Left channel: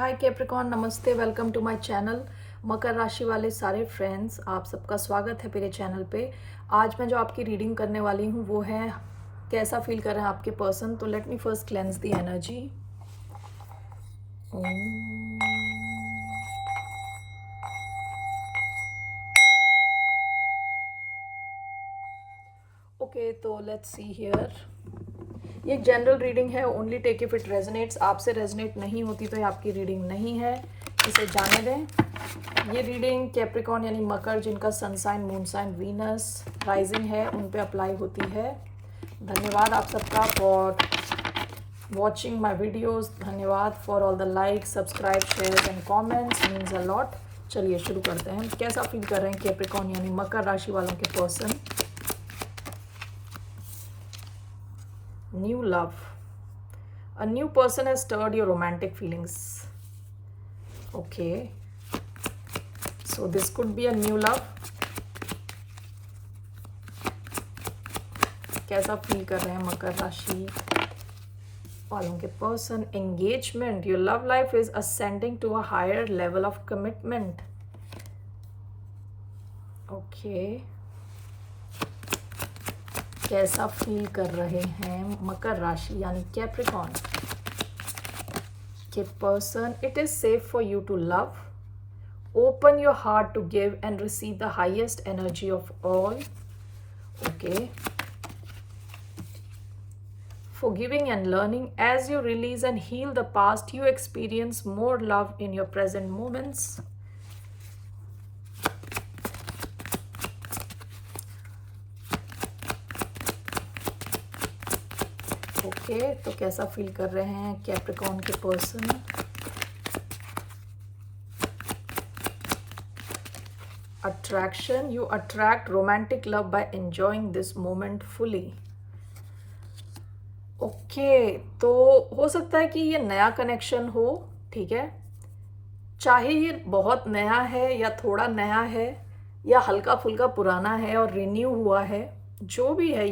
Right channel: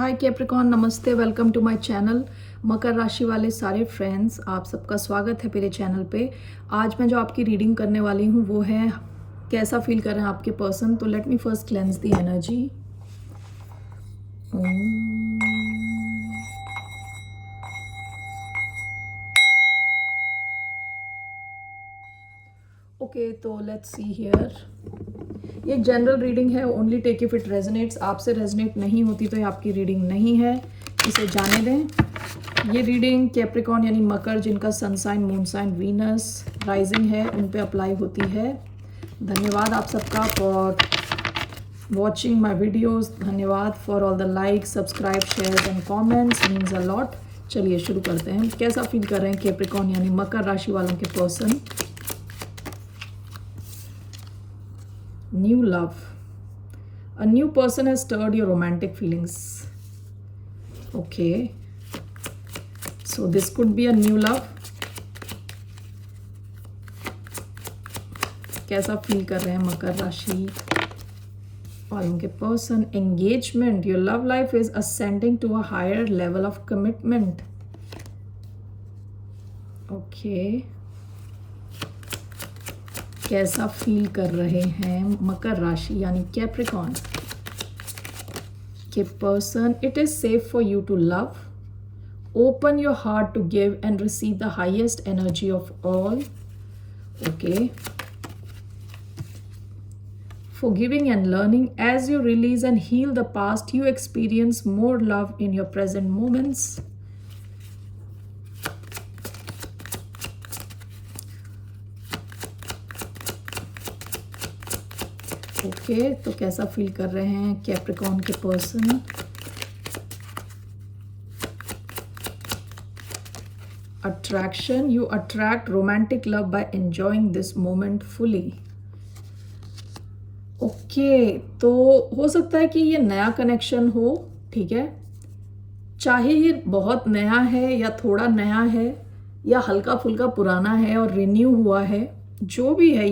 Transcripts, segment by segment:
हाय Capricorn, नमस्ते, welcome to my channel. मकर राशि वाले सारे फ्रेंड्स, आप सबका स्वागत है मेरे चैनल पे। आज मैं जो आपकी रीडिंग करने वाली हूँ वो है कैसा फील कर रहे हैं आपके पर्सन। तो let me first cleanse the energy. Okay, तो लेट्स सी हियर। ये एक जनरल रीडिंग है, only take if it resonates. आपसे रेजोनेट नहीं होती तो ये आपकी रीडिंग नहीं है, इसे जाने दें। ये रीडिंग कैप्रिकॉन यानी मकर, जिनका sun sign, moon sign, Venus rising है, उन पे अप्लाई होती है। धन्यवाद आप सबका फॉर वॉचिंग माई वीडियोज़। धन्यवाद for all the like, subscribe, share and comments, means a lot. चलिए शुरू करते हैं। कैसा फील कर रहे हैं कैप्रिकॉन यानी मकर राशि वालों के person. New love. A new person has stirred your romantic feelings. Okay. So this could be a new love. कैसा फील कर रहे हैं मकर राशि वालों के person. Engagement. Your love life is ascending to a higher level of commitment. Okay. कैसा feel कर रहे हैं मकर राशि यानी कैप्रिकॉन के person. It is safe for you to love, open your heart to give and receive the highest energy of all. Okay, forgiving and learning. As you release and heal the past, you experience more love in your present moments. Okay, तो कैसा feel कर रहे हैं Capricorn के person. Attraction. You attract romantic love by enjoying this moment fully. Okay, तो हो सकता है कि ये नया कनेक्शन हो, ठीक है, चाहे ये बहुत नया है या थोड़ा नया है या हल्का फुल्का पुराना है और रिन्यू हुआ है, जो भी है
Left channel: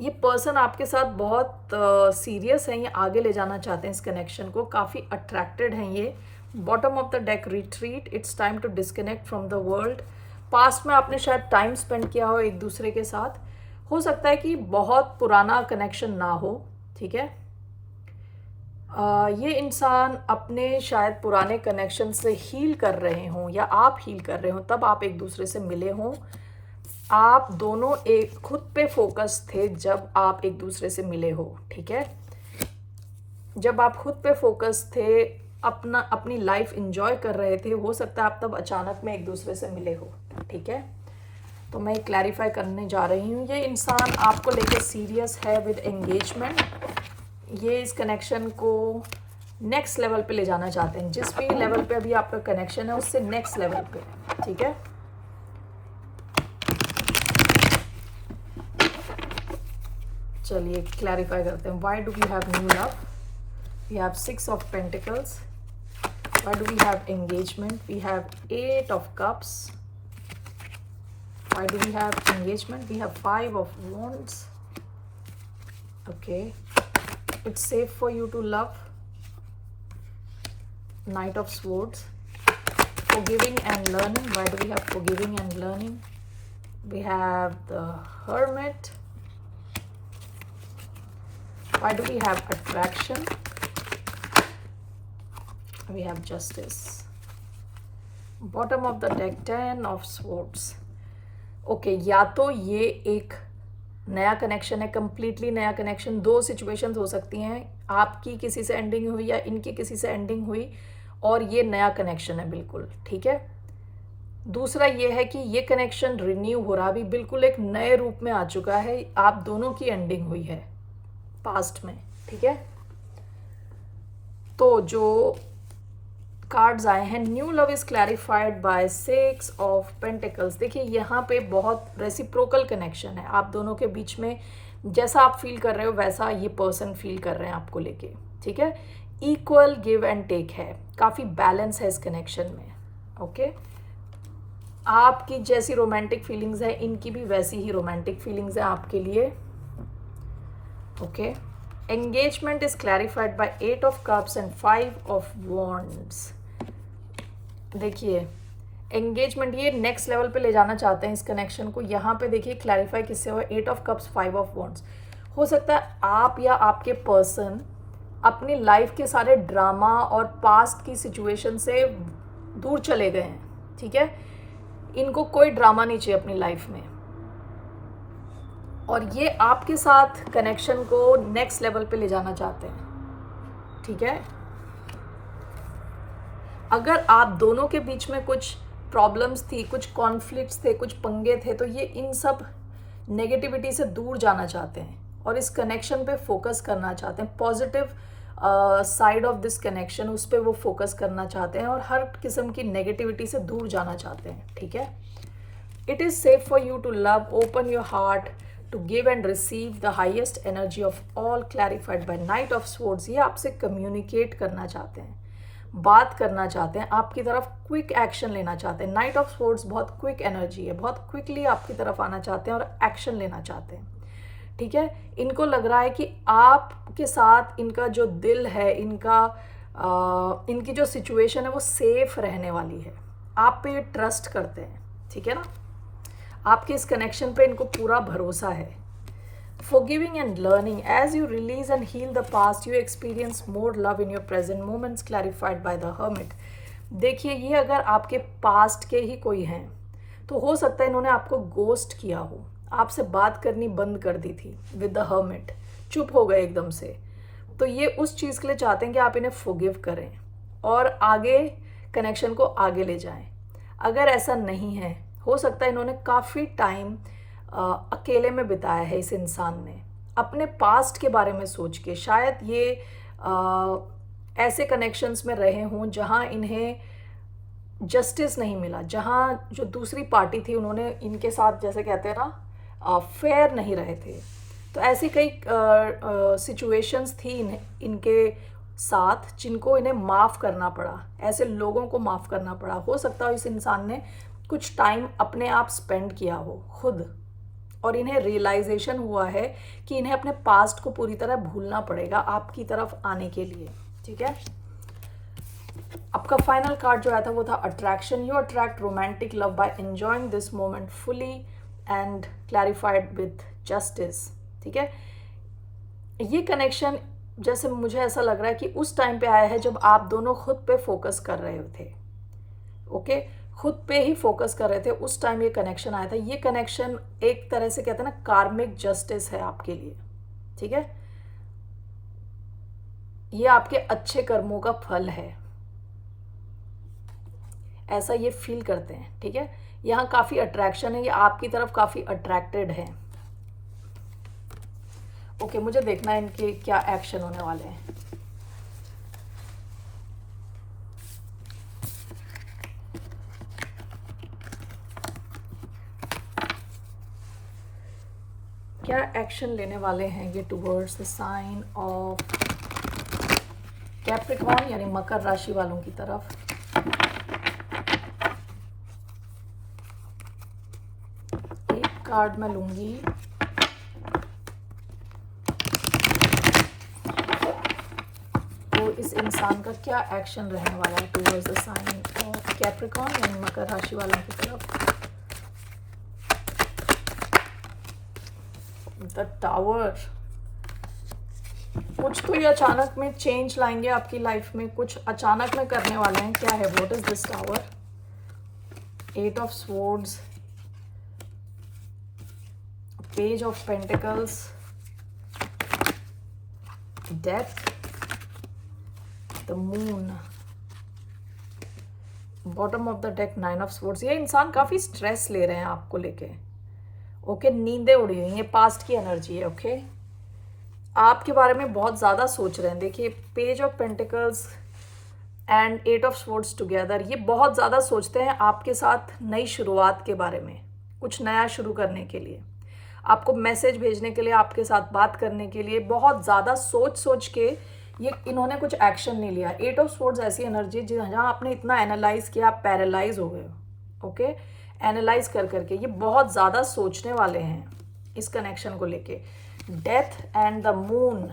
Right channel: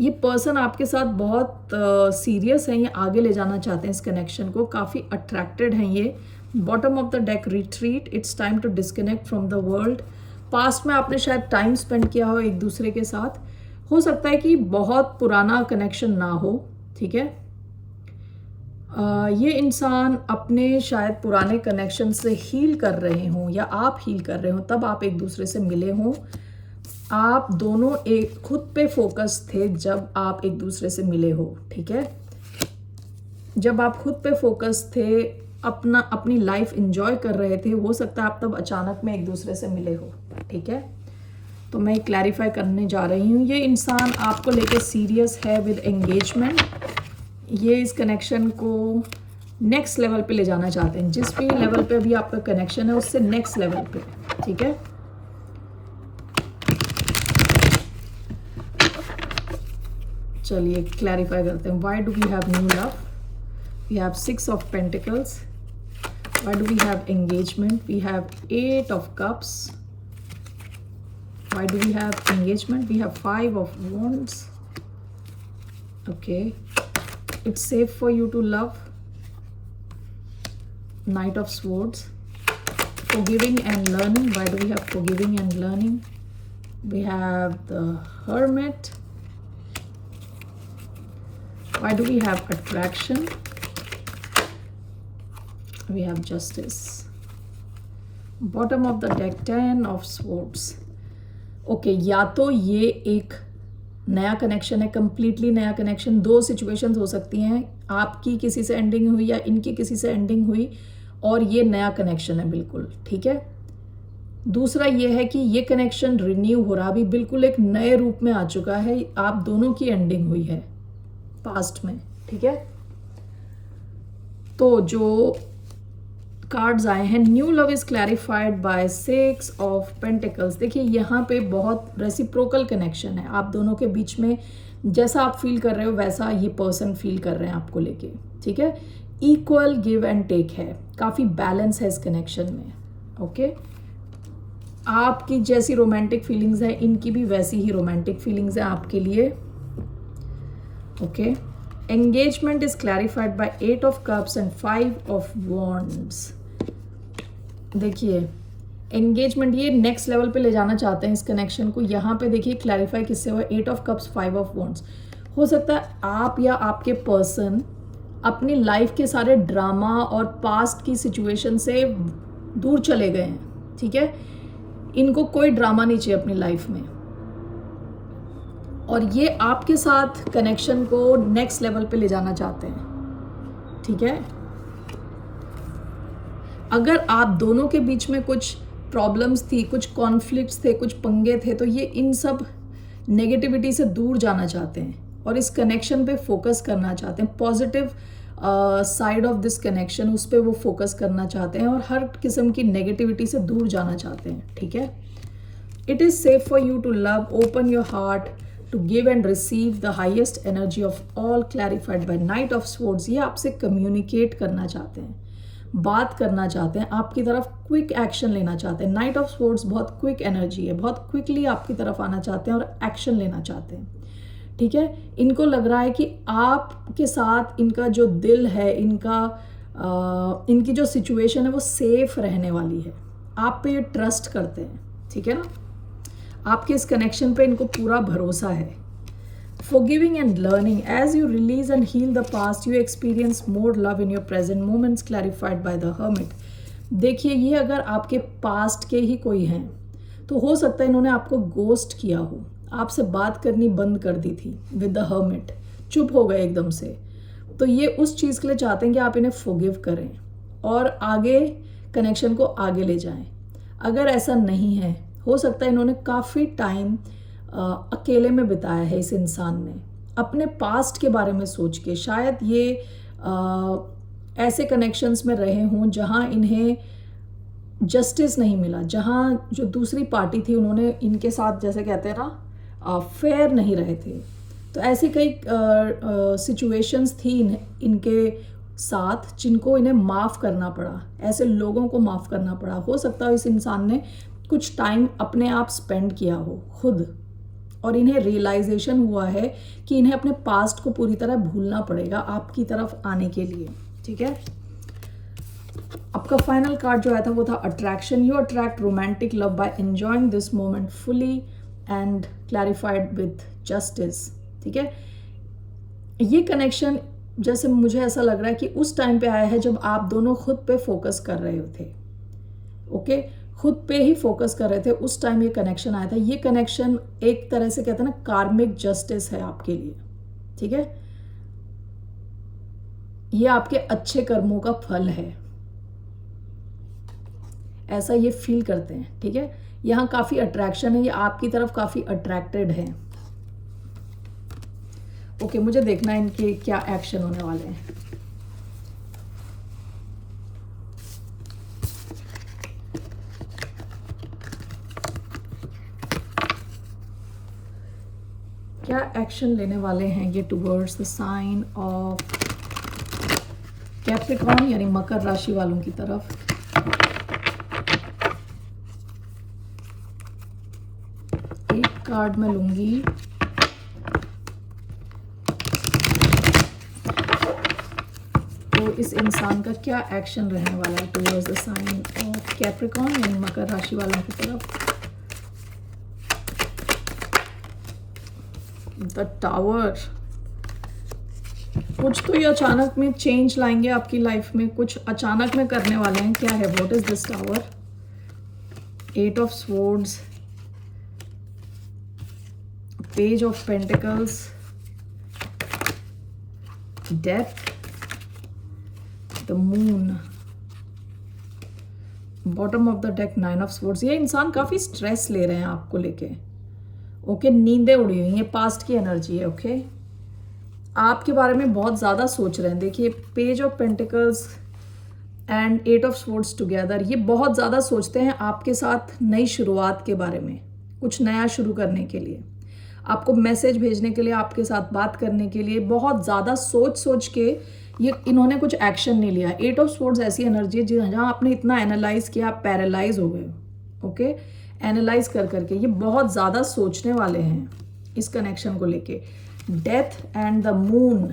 ये पर्सन आपके साथ बहुत सीरियस है, ये आगे ले जाना चाहते हैं इस कनेक्शन को, काफ़ी अट्रैक्टेड हैं ये। Bottom of the deck, retreat, it's time to disconnect from the world. Past में आपने शायद टाइम स्पेंड किया हो एक दूसरे के साथ, हो सकता है कि बहुत पुराना कनेक्शन ना हो, ठीक है। ये इंसान अपने शायद पुराने कनेक्शन से हील कर रहे हों या आप हील कर रहे हो, तब आप एक दूसरे से मिले हों। आप दोनों एक खुद पे फोकस थे जब आप एक दूसरे से मिले हो, ठीक है। जब आप खुद पे फोकस थे, अपनी लाइफ एंजॉय कर रहे थे, हो सकता है आप तब अचानक में एक दूसरे से मिले हो, ठीक है। तो मैं क्लैरिफाई करने जा रही हूँ, ये इंसान आपको लेके सीरियस है विद एंगेजमेंट। ये इस कनेक्शन को नेक्स्ट लेवल पे ले जाना चाहते हैं। जिस भी लेवल पे अभी आपका कनेक्शन है उससे नेक्स्ट लेवल पे, ठीक है। चलिए क्लैरिफाई करते हैं। Why do we have new love? We have 6 of pentacles. Why do we have engagement? We have 8 of cups. Why do we have engagement? We have 5 of wands. Okay, it's safe for you to love. Knight of swords. Forgiving and learning. Why do we have forgiving and learning? We have the hermit. Why do we have attraction? We have justice. Bottom of the deck, 10 of swords. Okay, या तो ये एक नया connection है, completely नया connection. दो situations हो सकती हैं, आपकी किसी से एंडिंग हुई या इनकी किसी से एंडिंग हुई और ये नया कनेक्शन है बिल्कुल, ठीक है। दूसरा ये है कि ये कनेक्शन रिन्यू हो रहा, अभी बिल्कुल एक नए रूप में आ चुका है, आप दोनों की एंडिंग हुई है पास्ट में, ठीक है। तो जो कार्ड्स आए हैं, new love is clarified by 6 of pentacles. देखिए यहाँ पे बहुत रेसिप्रोकल कनेक्शन है आप दोनों के बीच में। जैसा आप फील कर रहे हो वैसा ये पर्सन फील कर रहे हैं आपको लेके, ठीक है। इक्वल गिव एंड टेक है, काफ़ी बैलेंस है इस कनेक्शन में, ओके। आपकी जैसी रोमांटिक फीलिंग्स है, इनकी भी वैसी ही रोमांटिक फीलिंग्स है आपके लिए, okay. Engagement is clarified by 8 of cups and 5 of wands. देखिए एंगेजमेंट ये नेक्स्ट लेवल पे ले जाना चाहते हैं इस कनेक्शन को। यहाँ पे देखिए क्लैरिफाई किससे हुआ, 8 ऑफ कप्स 5 ऑफ वॉन्ड्स। हो सकता है आप या आपके पर्सन अपनी लाइफ के सारे ड्रामा और पास्ट की सिचुएशन से दूर चले गए हैं, ठीक है। इनको कोई ड्रामा नहीं चाहिए अपनी लाइफ में, और ये आपके साथ कनेक्शन को नेक्स्ट लेवल पे ले जाना चाहते हैं, ठीक है। अगर आप दोनों के बीच में कुछ प्रॉब्लम्स थी, कुछ कॉन्फ्लिक्ट्स थे, कुछ पंगे थे, तो ये इन सब नेगेटिविटी से दूर जाना चाहते हैं और इस कनेक्शन पे फोकस करना चाहते हैं। Positive side of this connection, उस पर वो फोकस करना चाहते हैं और हर किस्म की नेगेटिविटी से दूर जाना चाहते हैं, ठीक है। It is safe for you to love, open your heart to give and receive the highest energy of all, clarified by knight of swords. ये आपसे कम्युनिकेट करना चाहते हैं, बात करना चाहते हैं, आपकी तरफ क्विक एक्शन लेना चाहते हैं। नाइट ऑफ स्वॉर्ड्स बहुत क्विक एनर्जी है, बहुत क्विकली आपकी तरफ आना चाहते हैं और एक्शन लेना चाहते हैं, ठीक है। इनको लग रहा है कि आपके साथ इनका जो दिल है, इनकी जो सिचुएशन है वो सेफ रहने वाली है। आप पे ये ट्रस्ट करते हैं, ठीक है ना। आपके इस कनेक्शन पे इनको पूरा भरोसा है। Forgiving and learning, as you release and heal the past, you experience more love in your present moments, clarified by the hermit. देखिए ये अगर आपके पास्ट के ही कोई हैं तो हो सकता है इन्होंने आपको गोस्ट किया हो, आपसे बात करनी बंद कर दी थी विद द हर्मिट, चुप हो गए एकदम से। तो ये उस चीज़ के लिए चाहते हैं कि आप इन्हें फॉरगिव करें और आगे कनेक्शन को आगे ले जाएं। अगर ऐसा नहीं है, हो सकता है इन्होंने काफ़ी टाइम अकेले में बिताया है इस इंसान ने, अपने पास्ट के बारे में सोच के। शायद ये ऐसे कनेक्शंस में रहे हों जहां इन्हें जस्टिस नहीं मिला, जहां जो दूसरी पार्टी थी उन्होंने इनके साथ, जैसे कहते हैं ना, फेयर नहीं रहे थे। तो ऐसी कई सिचुएशंस थी इनके साथ जिनको इन्हें माफ़ करना पड़ा, ऐसे लोगों को माफ़ करना पड़ा। हो सकता है इस इंसान ने कुछ टाइम अपने आप स्पेंड किया हो खुद, और इन्हें रियलाइजेशन हुआ है कि इन्हें अपने पास्ट को पूरी तरह भूलना पड़ेगा आपकी तरफ आने के लिए, ठीक है। आपका फाइनल कार्ड जो आया था वो था attraction. You attract romantic love by enjoying this moment fully and clarified with justice, ठीक है। ये कनेक्शन जैसे मुझे ऐसा लग रहा है कि उस टाइम पे आया है जब आप दोनों खुद पे फोकस कर रहे थे, ओके, खुद पे ही फोकस कर रहे थे, उस टाइम ये कनेक्शन आया था। ये कनेक्शन एक तरह से कहते हैं ना कार्मिक जस्टिस है आपके लिए, ठीक है। ये आपके अच्छे कर्मों का फल है, ऐसा ये फील करते हैं, ठीक है। यहाँ काफी अट्रैक्शन है, ये आपकी तरफ काफी अट्रैक्टेड है। ओके, मुझे देखना है इनके क्या एक्शन होने वाले हैं। क्या एक्शन लेने वाले हैं ये towards the sign of Capricorn, यानी मकर राशि वालों की तरफ। एक कार्ड मैं लूंगी और इस इंसान का क्या एक्शन रहने वाला है towards the sign of Capricorn, यानी मकर राशि वालों की तरफ। द टावर, कुछ तो ये अचानक में चेंज लाएंगे आपकी लाइफ में, कुछ अचानक में करने वाले हैं। क्या है, what is this tower? 8 of swords, page of pentacles, death, the moon, bottom of the deck 9 of swords. ये इंसान काफी स्ट्रेस ले रहे हैं आपको लेके, ओके, नींदें उड़ी हुई, ये पास्ट की एनर्जी है, ओके। आपके बारे में बहुत ज़्यादा सोच रहे हैं। देखिए page of pentacles and 8 of swords together, ये बहुत ज़्यादा सोचते हैं आपके साथ नई शुरुआत के बारे में, कुछ नया शुरू करने के लिए, आपको मैसेज भेजने के लिए, आपके साथ बात करने के लिए बहुत ज़्यादा सोच के ये इन्होंने कुछ एक्शन नहीं लिया। 8 ऑफ स्वॉर्ड्स ऐसी एनर्जी है जहाँ आपने इतना एनालाइज किया, आप पैरालाइज हो गए, ओके। एनालाइज करके ये बहुत ज़्यादा सोचने वाले हैं इस कनेक्शन को लेके। डेथ एंड द मून,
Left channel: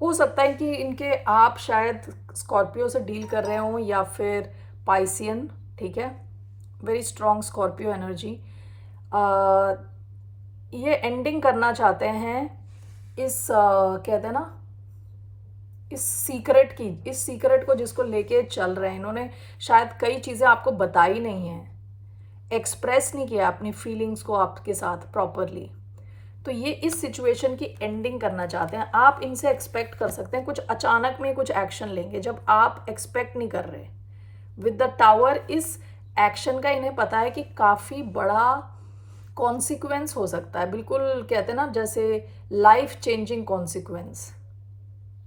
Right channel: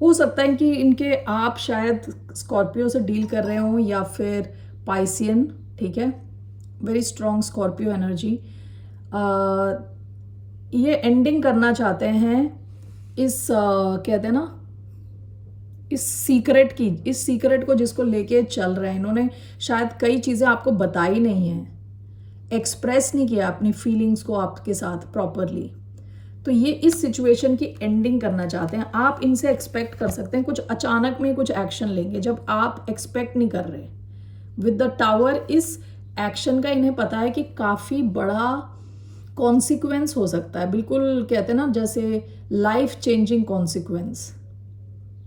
हो सकता है कि इनके आप शायद स्कॉर्पियो से डील कर रहे हो या फिर पाइसियन, ठीक है, वेरी स्ट्रॉन्ग स्कॉर्पियो एनर्जी। ये एंडिंग करना चाहते हैं इस कहते हैं ना इस सीक्रेट को जिसको लेके चल रहे हैं। इन्होंने शायद कई चीज़ें आपको बताई नहीं है, एक्सप्रेस नहीं किया अपनी फीलिंग्स को आपके साथ प्रॉपरली। तो ये इस सिचुएशन की एंडिंग करना चाहते हैं। आप इनसे एक्सपेक्ट कर सकते हैं कुछ अचानक में कुछ एक्शन लेंगे जब आप एक्सपेक्ट नहीं कर रहे। विद द टावर इस एक्शन का इन्हें पता है कि काफ़ी बड़ा कॉन्सिक्वेंस हो सकता है, बिल्कुल कहते हैं ना जैसे लाइफ चेंजिंग कॉन्सिक्वेंस,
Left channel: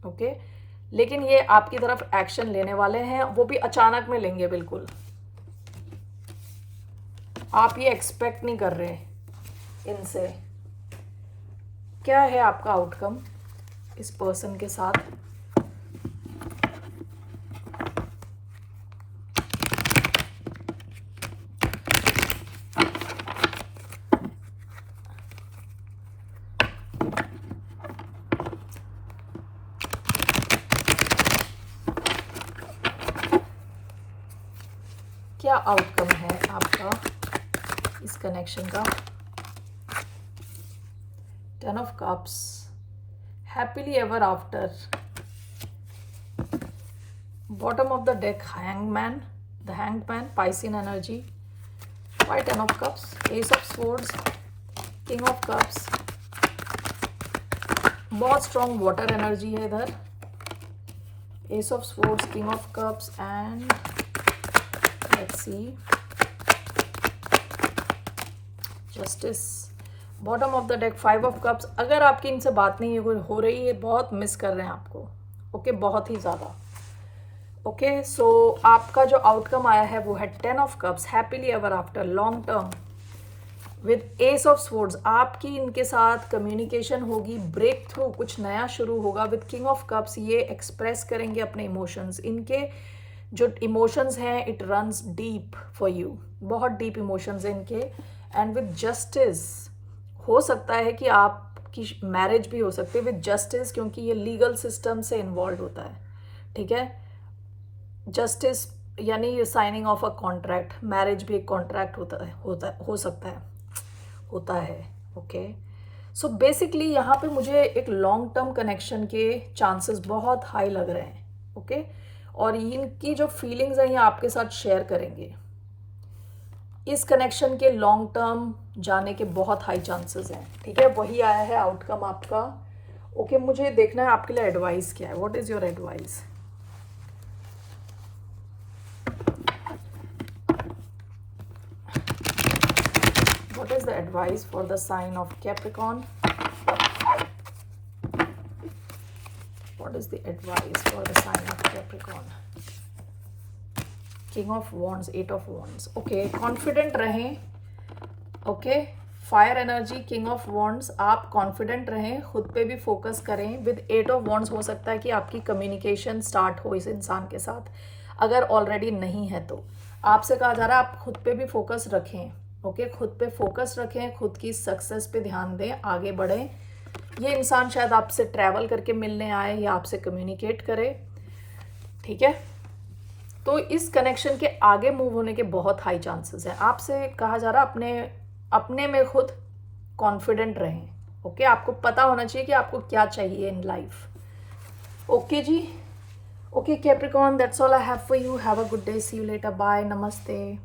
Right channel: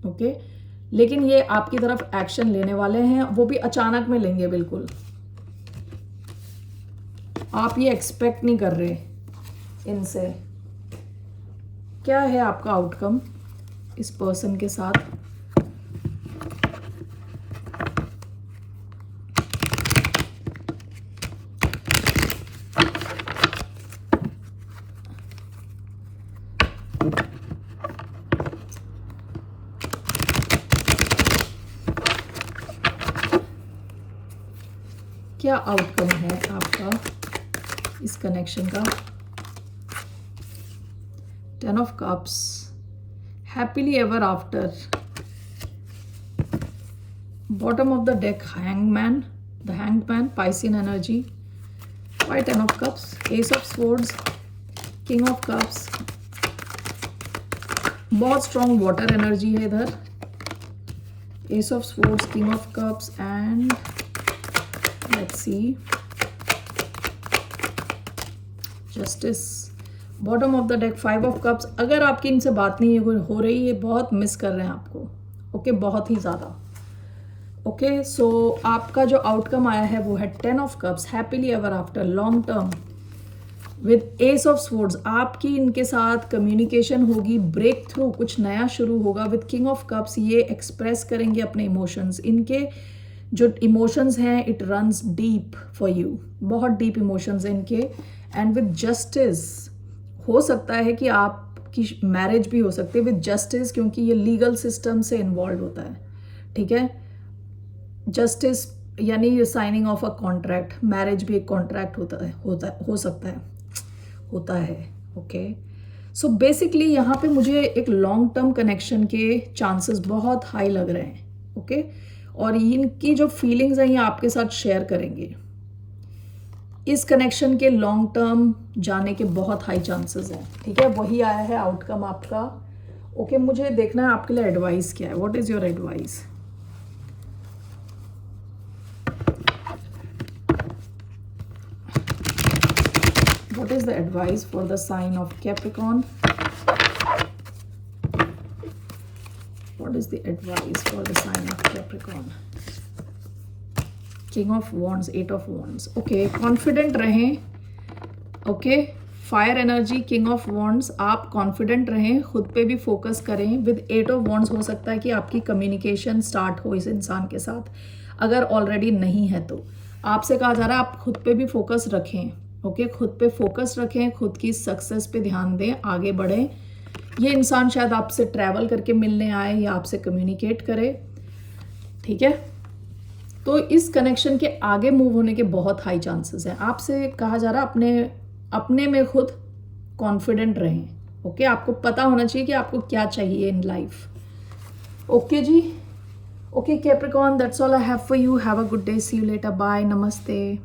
ओके। लेकिन ये आपकी तरफ एक्शन लेने वाले हैं, वो भी अचानक में लेंगे बिल्कुल। आप ये एक्सपेक्ट नहीं कर रहे इनसे। क्या है आपका आउटकम इस पर्सन के साथ? क्या आउटकम है आपका इस कनेक्शन का? 10 of Cups, happily ever after. Bottom of the deck, Hangman, the Hanged Man, Piscean energy. Why 10 of Cups, Ace of Swords, King of Cups. बहुत स्ट्रॉन्ग वाटर एनर्जी है इधर। Ace of Swords, King of Cups and let's see, Justice. Bottom of the deck 5 of cups. अगर आपकी इनसे बात नहीं हो रही है, बहुत मिस कर रहे हैं आपको, ओके, बहुत ही ज़्यादा, ओके। सो आपका जो आउटकम आया है वो है 10 of cups, happily ever after, long term, with S of swords. आपकी इनके साथ कम्युनिकेशन होगी, ब्रेक थ्रू, कुछ नया शुरू होगा। विद किंग ऑफ कप्स ये एक्सप्रेस करेंगे अपने इमोशंस। इनके जो इमोशंस हैं it runs deep for you, बहुत डीप इमोशंस हैं इनके। एंड विद जस्टिस, हो सकता है कि आपकी मैरिज भी हो सकती है विद जस्टिस, क्योंकि ये लीगल सिस्टम से इन्वॉल्व होता है, ठीक है। जस्टिस यानी signing of a contract, marriage भी एक कॉन्ट्रैक्ट होता है, ओके। सो बेसिकली यहाँ पे मुझे एक लॉन्ग टर्म कनेक्शन के चांसेस बहुत हाई लग रहे हैं, ओके। और इनकी जो फीलिंग्स हैं ये आपके साथ शेयर करेंगे। इस कनेक्शन के लॉन्ग टर्म जाने के बहुत हाई चांसेस हैं, ठीक है। वही आया है आउटकम आपका, ओके। मुझे देखना है आपके लिए एडवाइस क्या है। What is your advice? What is the advice for the sign of Capricorn? What is the advice for the sign of Capricorn? King of wands, 8 of wands, okay. Confident रहें, okay. Fire energy, king of wands, आप confident रहें, खुद पे भी focus करें। With 8 of wands हो सकता है कि आपकी कम्युनिकेशन स्टार्ट हो इस इंसान के साथ, अगर ऑलरेडी नहीं है तो। आपसे कहा जा रहा है आप खुद पे भी फोकस रखें, ओके। खुद पे फोकस रखें, खुद की सक्सेस पे ध्यान दें, आगे बढ़ें। ये इंसान शायद आपसे ट्रैवल करके मिलने आए या आपसे कम्युनिकेट करे, ठीक है। तो इस कनेक्शन के आगे मूव होने के बहुत हाई चांसेस हैं। आपसे कहा जा रहा है अपने में खुद कॉन्फिडेंट रहें, ओके। आपको पता होना चाहिए कि आपको क्या चाहिए इन लाइफ, ओके जी। Okay Capricorn, that's all I have for you. Have a good day, see you later, bye, नमस्ते।